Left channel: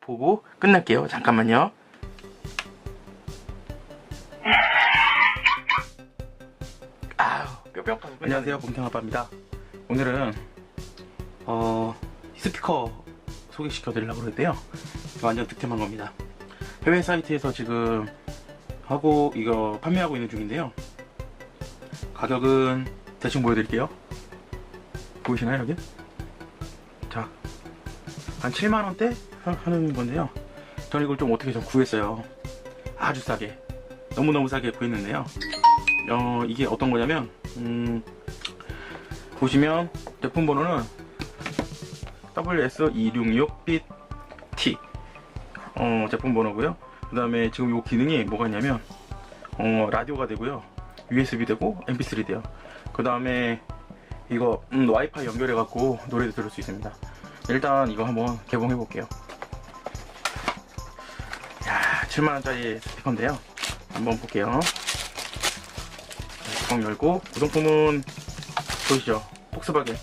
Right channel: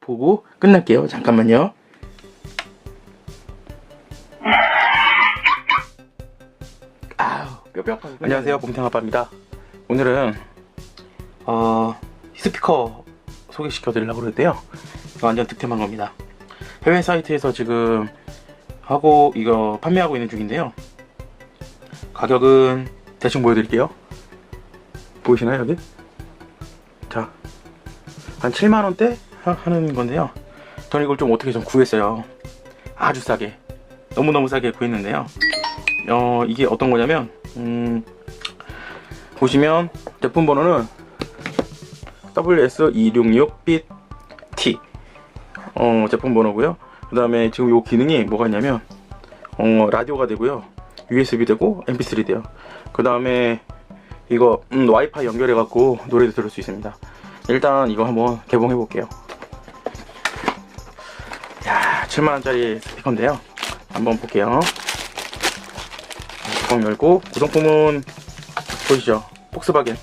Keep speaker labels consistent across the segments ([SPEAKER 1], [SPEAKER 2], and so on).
[SPEAKER 1] 보고 끝날게요. 잠깐만요. 아우 뼈뼈하고 안녕하세요 곰탕 아빠입니다. 오늘은 어 스피커 소개시켜 드리려고 그랬는데요. 완전 득템한 겁니다. 해외 사이트에서 지금 하고 이거 판매하고 있는 중인데요. 가격은 대충 보여드릴게요. 보이시나요 여기? 자, 한 7만 원대 하는 건데요. 저는 이걸 좀 어떻게 좀 구했어요. 아주 싸게, 너무 너무 싸게 구했는데요. 어 이게 어떤 거냐면 음, 보시면 제품 번호는 WS266BT 어, 제품 번호고요. 그 다음에 지금 요 기능이 뭐가 있냐면 어, 라디오가 되고요. USB 되고 MP3 돼요. 그 다음에 이거 음, 와이파이 연결해 갖고 노래도 들을 수 있습니다. 일단 이거 한번 개봉해 볼게요. 야, 7만 원짜리 스피커인데요. 한번 볼게요. 뚜껑 열고 구성품은 보이시죠? 폭스바겐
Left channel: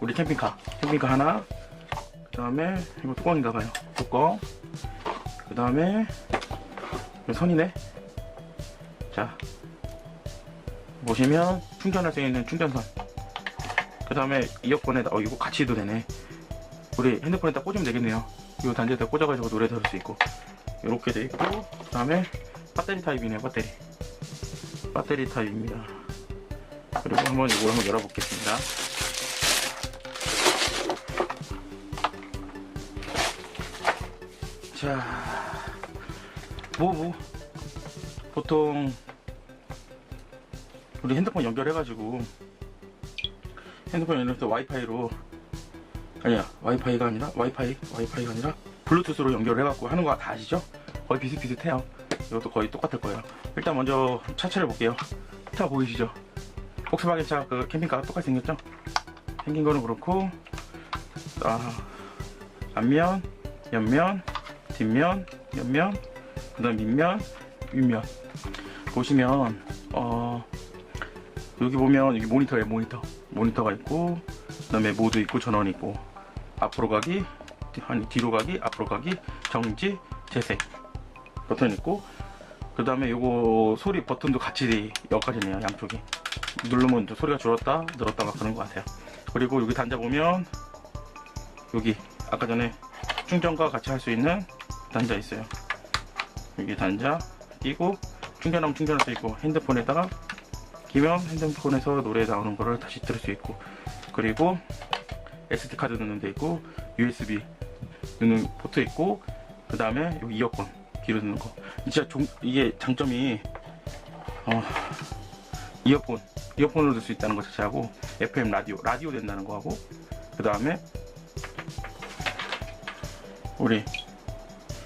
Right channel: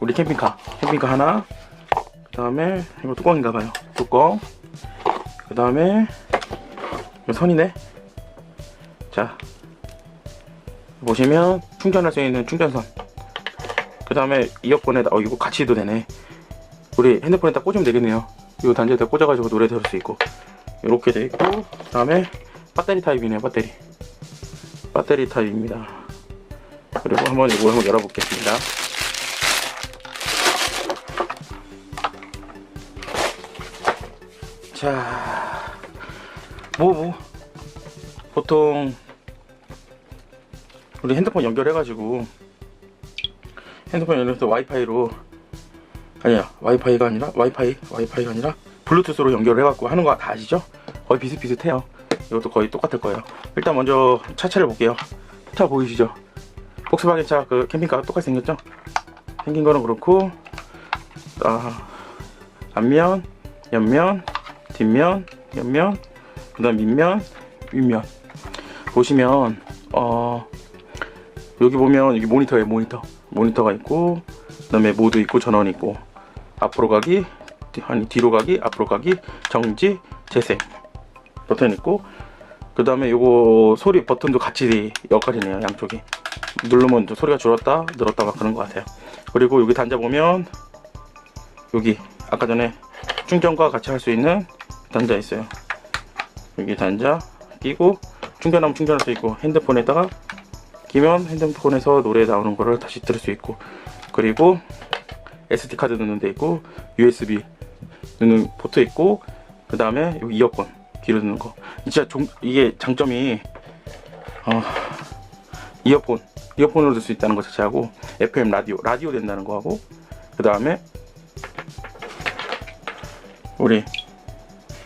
[SPEAKER 1] 우리 캠핑카 캠핑카 하나 그 다음에 이거 뚜껑인가 봐요. 뚜껑 그 다음에 이거 선이네. 자 보시면 충전할 수 있는 충전선 그 다음에 이어폰에다 어 이거 같이 해도 되네 우리 핸드폰에다 꽂으면 되겠네요 이거 단지에다 꽂아가지고 노래 들을 수 있고 이렇게 돼 있고 그 다음에 배터리 타입이네요 배터리. 배터리 타입입니다. 그리고 한번 이거 한번 열어보겠습니다. 자, 뭐, 뭐, 보통, 우리 핸드폰 연결해가지고, 핸드폰 연결해서 와이파이로, 와이파이가 아니라, 와이파이, 와이파이가 아니라, 블루투스로 연결해갖고 하는 거 다 아시죠? 거의 비슷비슷해요. 이것도 거의 똑같을 거예요. 일단 먼저 차체를 볼게요. 차 보이시죠? 폭스바겐 차그 캠핑카가 똑같이 생겼죠? 생긴 거는 그렇고, 아, 앞면, 옆면, 뒷면, 옆면, 그 다음 밑면, 윗면. 보시면, 어, 여기 보면 여기 모니터예요, 모니터. 모니터가 있고, 그 다음에 모드 있고, 전원 있고, 앞으로 가기, 뒤- 아니, 뒤로 가기, 앞으로 가기, 정지, 재생. 버튼 있고, 그 다음에 요거 소리 버튼도 같이 역할이네요, 양쪽이. 누르면 좀 소리가 줄었다, 늘었다가 그런 것 같아요. 그리고 여기 단자 보면, 여기, 아까 전에 충전과 같이 할 수 있는 단자 있어요. 여기 단자 끼고 충전하면 충전할 수 있고 핸드폰에다가 끼면 핸드폰에서 노래 나오는 거를 다시 들을 수 있고 그리고 SD 카드 넣는 데 있고 USB 넣는 포트 있고 그 다음에 이어폰 귀로 넣는 거 진짜 종- 이게 장점이 어, 이어폰 이어폰으로 들 수 있다는 것 자체하고 FM 라디오 라디오 된다는 거 하고 그 다음에 우리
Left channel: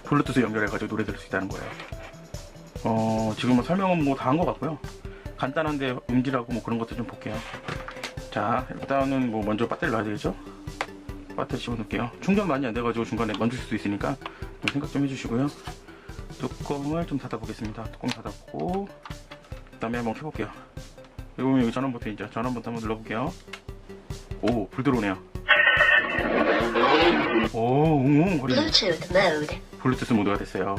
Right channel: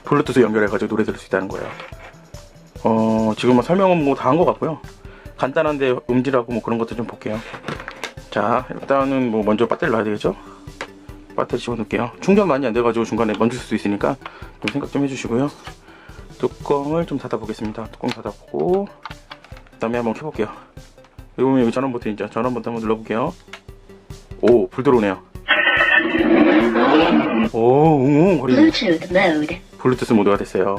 [SPEAKER 1] 블루투스 연결해가지고 노래 들을 수 있다는 거예요. 어, 지금 뭐 설명은 뭐 다 한 것 같고요. 간단한데 음질하고 뭐 그런 것도 좀 볼게요. 자, 일단은 뭐 먼저 배터리 놔야 되겠죠? 배터리 집어넣을게요. 충전 많이 안 돼가지고 중간에 멈출 수도 있으니까 좀 생각 좀 해주시고요. 뚜껑을 좀 닫아보겠습니다. 뚜껑 닫아보고, 그 다음에 한번 켜볼게요. 여기 보면 여기 전원 버튼 있죠? 전원 버튼 한번 눌러볼게요. 오, 불 들어오네요. 오, 웅웅 거리네.
[SPEAKER 2] Bluetooth mode.
[SPEAKER 1] 블루투스 모드가 됐어요.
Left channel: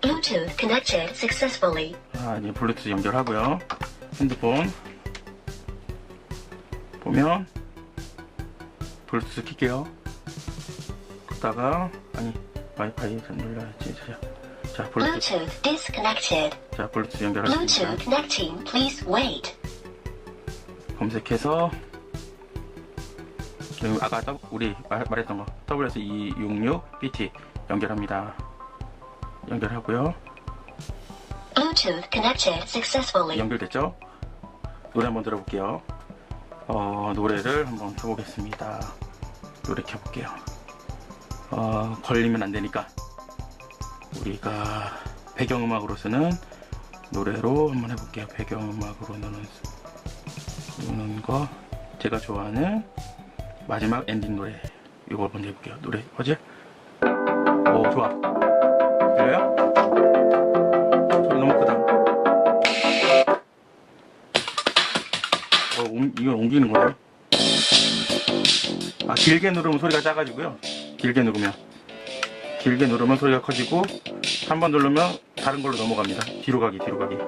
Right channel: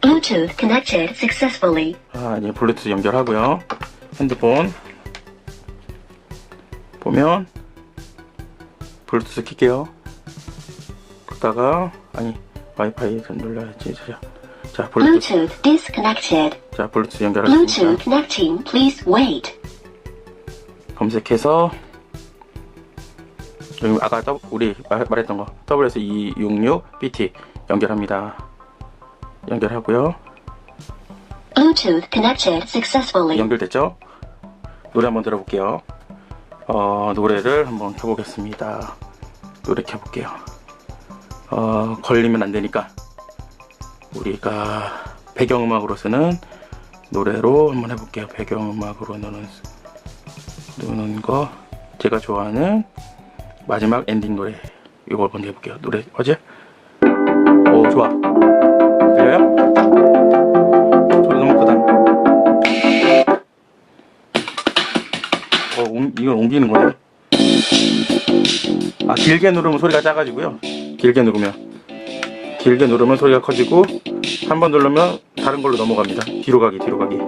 [SPEAKER 2] Bluetooth connected successfully.
[SPEAKER 1] 아, 이제 블루투스 연결하고요. 핸드폰 보면 블루투스 킬게요. 그다가 아니 와이파이 좀 눌러야지. 자, 자 블루투스
[SPEAKER 2] Bluetooth disconnected.
[SPEAKER 1] 자 블루투스 연결하겠습니다.
[SPEAKER 2] Bluetooth connecting. Please wait.
[SPEAKER 1] 검색해서 여기 아까 더- 우리 말- 말했던 거 WS266BT 연결합니다. 연결하고요.
[SPEAKER 2] Bluetooth connected successfully.
[SPEAKER 1] 연결됐죠? 노래 한번 들어볼게요. 어, 노래를 한번 켜보겠습니다. 노래 켜볼게요. 어, 걸리면 안 되니까 우리가 배경음악으로 쓰는 노래로 한번 해볼게요. 배경음악으로 넣는, 넣는 거 제가 좋아하는 마지막 엔딩 노래 이거 한번 해볼게요. 노래 어제? 오 좋아. 이걸 옮기는 거네. 아, 길게 누르면 소리가 작아지고요. 길게 누르면. 길게 누르면 소리가 커지고 한 번 누르면 다른 걸로 넘어갑니다. 뒤로 가기, 뒤로 가기.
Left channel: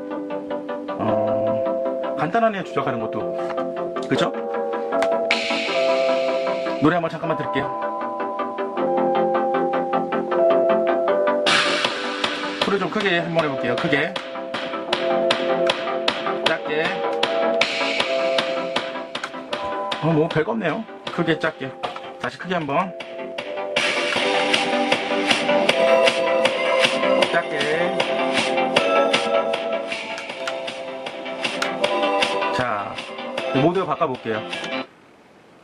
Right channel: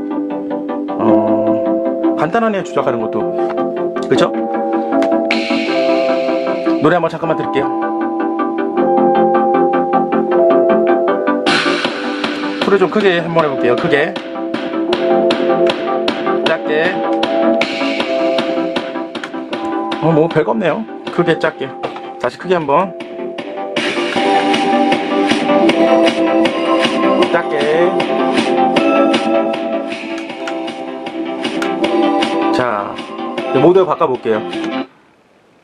[SPEAKER 1] 어, 간단하네요, 조작하는 것도. 그쵸? 노래 한번 잠깐만 들을게요. 소리 좀 크게 한번 해볼게요. 크게. 뭐 별거 없네요. 크게 작게. 다시 크게 한번. 작게. 자, 모드 바꿔볼게요.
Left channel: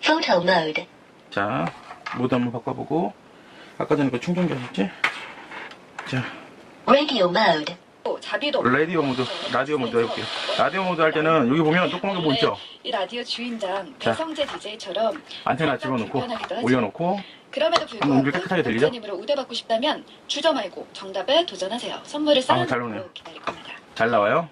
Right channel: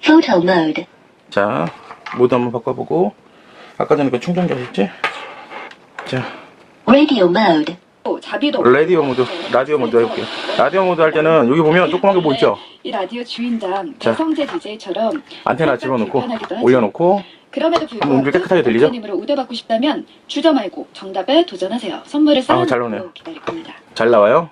[SPEAKER 2] Photo mode.
[SPEAKER 1] 자, 모드 한번 바꿔보고. 아까 전에 그 충전기였지? 자,
[SPEAKER 2] Radio mode.
[SPEAKER 3] 또 자비도
[SPEAKER 1] 라디오 모드, 라디오 모드 해볼게요. 라디오 모드 할 때는 여기 보면 조그만 거뭐 있죠?
[SPEAKER 3] 이 라디오 주인장
[SPEAKER 1] 자.
[SPEAKER 3] 배성재 DJ처럼
[SPEAKER 1] 안테나 집어넣고, 올려놓고,
[SPEAKER 3] 그럼에도
[SPEAKER 1] 음,
[SPEAKER 3] 불구하고
[SPEAKER 1] 들리죠?
[SPEAKER 3] 목사님으로 우대받고 싶다면 주저 말고 정답에 도전하세요. 선물을
[SPEAKER 1] 아, 잘 나오네요.
[SPEAKER 3] 쌓아놓고 기다릴 겁니다.
[SPEAKER 1] 잘 나와요.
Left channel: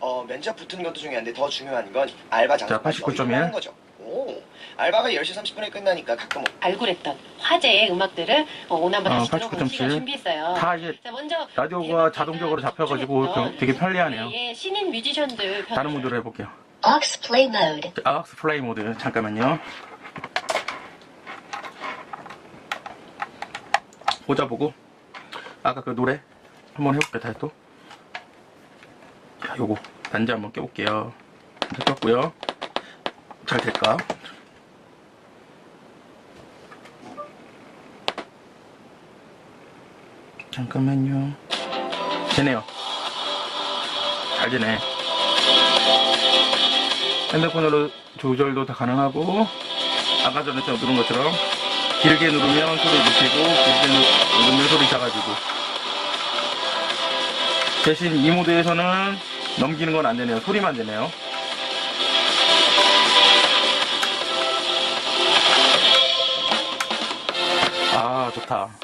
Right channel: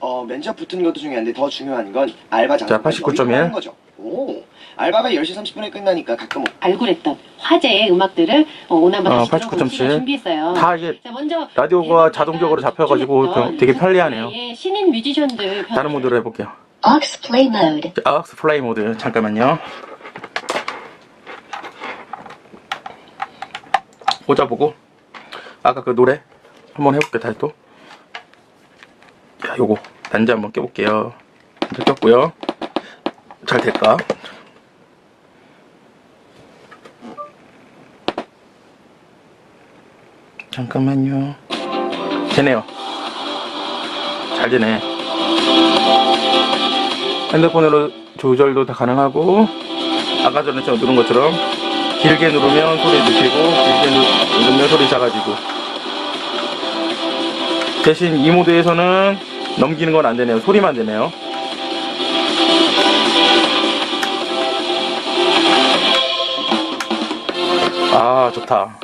[SPEAKER 4] 어, 면접 붙는 것도 중요한데 더 중요한 건 알바 장소까지
[SPEAKER 1] 89.1.
[SPEAKER 4] 하는 거죠. 오, 알바가 10시 30분에 끝나니까 가끔
[SPEAKER 5] 발굴했던 화제의 음악들을 어, 오늘 한번
[SPEAKER 1] 어,
[SPEAKER 5] 다시 들어보는
[SPEAKER 1] 89.7.
[SPEAKER 5] 시간 준비했어요.
[SPEAKER 1] 다 이게
[SPEAKER 5] 자, 먼저
[SPEAKER 1] 라디오가 자동적으로 잡혀가지고
[SPEAKER 5] 집중했던
[SPEAKER 1] 되게 편리하네요.
[SPEAKER 5] 예, 신인 뮤지션들 편-
[SPEAKER 1] 다른 모드로 해볼게요.
[SPEAKER 2] Aux play mode.
[SPEAKER 1] 악스 플레이 모드 잠깐만요. 꽂아보고 아까 그 노래 한번 해볼게요. 다시 또. 자, 요거 단자 한번 껴볼게요. 단자 꼈고요. 잘 될까? 잠깐만요. 되네요. 잘 되네. 핸드폰으로 조절도 다 가능하고 아까 전에 제가 누른 것처럼 길게 누르면 소리 느끼고 길게 누- 누르면 소리 작아지고 대신 이 모드에서는 넘기는 건 안 되네요 소리만 되네요 좋다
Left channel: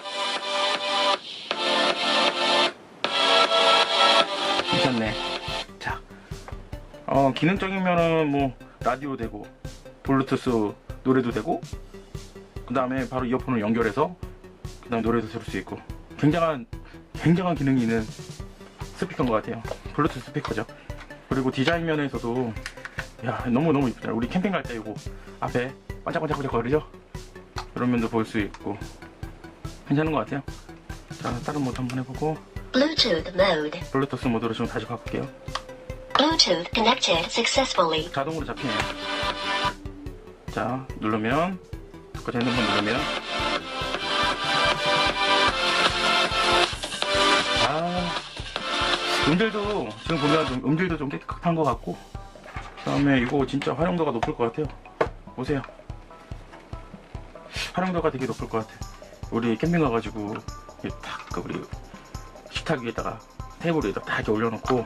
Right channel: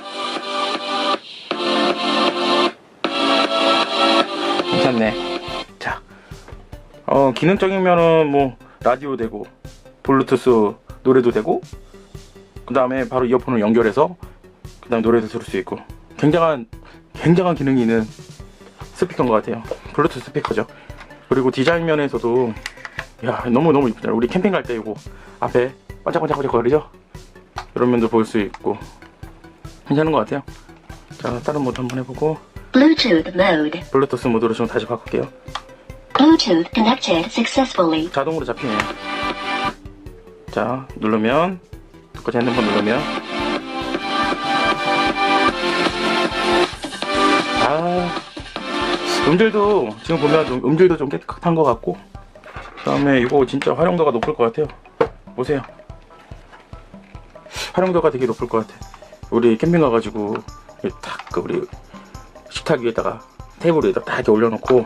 [SPEAKER 1] 괜찮네. 자 어, 기능적인 면은 뭐 라디오 되고 블루투스 노래도 되고 그 다음에 바로 이어폰을 연결해서 그 다음 노래도 들을 수 있고 굉장한 굉장한 기능이 있는 스피커인 것 같아요. 블루투스 스피커죠. 그리고 디자인 면에서도 야 너무너무 이쁘다. 우리 캠핑 갈 때 이거 앞에 반짝반짝반짝 거리죠? 그런 면도 볼 수 있고 괜찮은 것 같아요 자 다른 모드 한번 해보고
[SPEAKER 2] Bluetooth mode.
[SPEAKER 1] 블루투스 모드로 좀 다시 바꿀게요
[SPEAKER 2] Bluetooth connected successfully.
[SPEAKER 1] 자동으로 잡히네요. 자, 누르면, 그거 핸드폰 누르면. 아, 음질도, 지금 보면 좀 음질도 좀 깨끗한 것 같고, 그 다음에 이거 진짜 활용도가 높을 것 같아요. 보세요. 활용도가 되게 높을 것 같아. 우리 캠핑 가가지고, 탁, 그 우리 식탁 위에다가, 테이블 위에다 딱 이렇게 올려놓고,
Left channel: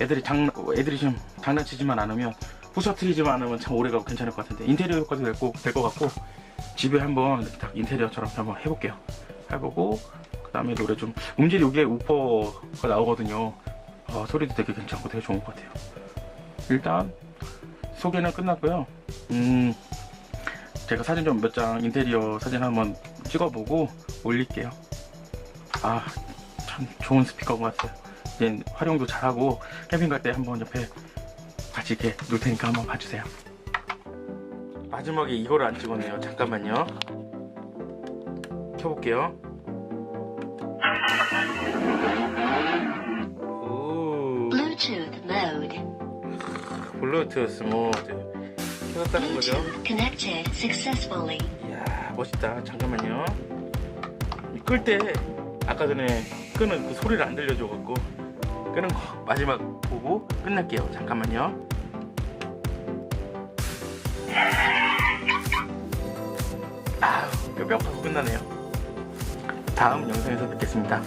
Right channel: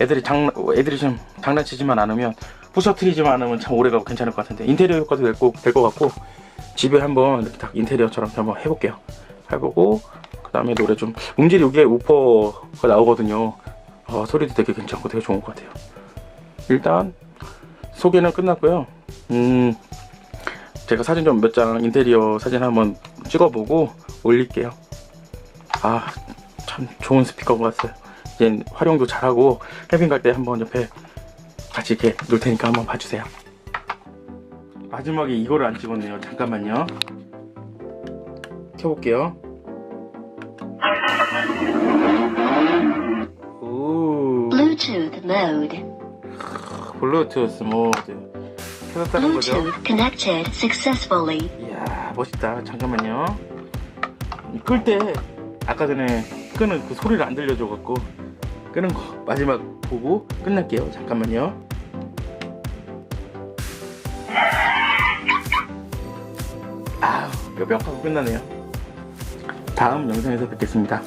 [SPEAKER 1] 애들이 장 애들이 좀 장난치지만 않으면 부셔트리지만 않으면 참 오래가고 괜찮을 것 같은데 인테리어 효과도 될것 같고 집에 한번 이렇게 딱 인테리어처럼 한번 해볼게요. 해보고 그 다음에 노래 좀 음질이 여기에 우퍼가 나오거든요. 어, 소리도 되게 괜찮고 되게 좋은 것 같아요. 일단 소개는 끝났고요. 음 제가 사진 좀 몇 장 인테리어 사진 한번 찍어보고 올릴게요 아 참 좋은 스피커인 것 같아요 얘 활용도 잘하고 캠핑 갈 때 한번 옆에 같이 이렇게 놓을 테니까 한번 봐주세요. 마지막에 이거를 안 찍었네요. 잠깐만요. 켜볼게요. 오,
[SPEAKER 2] Bluetooth mode.
[SPEAKER 1] 블루투스 모드 켜졌다는 거죠?
[SPEAKER 2] Bluetooth connected successfully.
[SPEAKER 1] 멋있다. 잠깐만요. 끌 때 아까 전에 끄는 그 소리를 안 들려줘 갖고 끄는 거 마지막 보고 끝날게요. 잠깐만요. 아우 뼈뼈하고 끝나네요. 다음 영상에서 뵙겠습니다.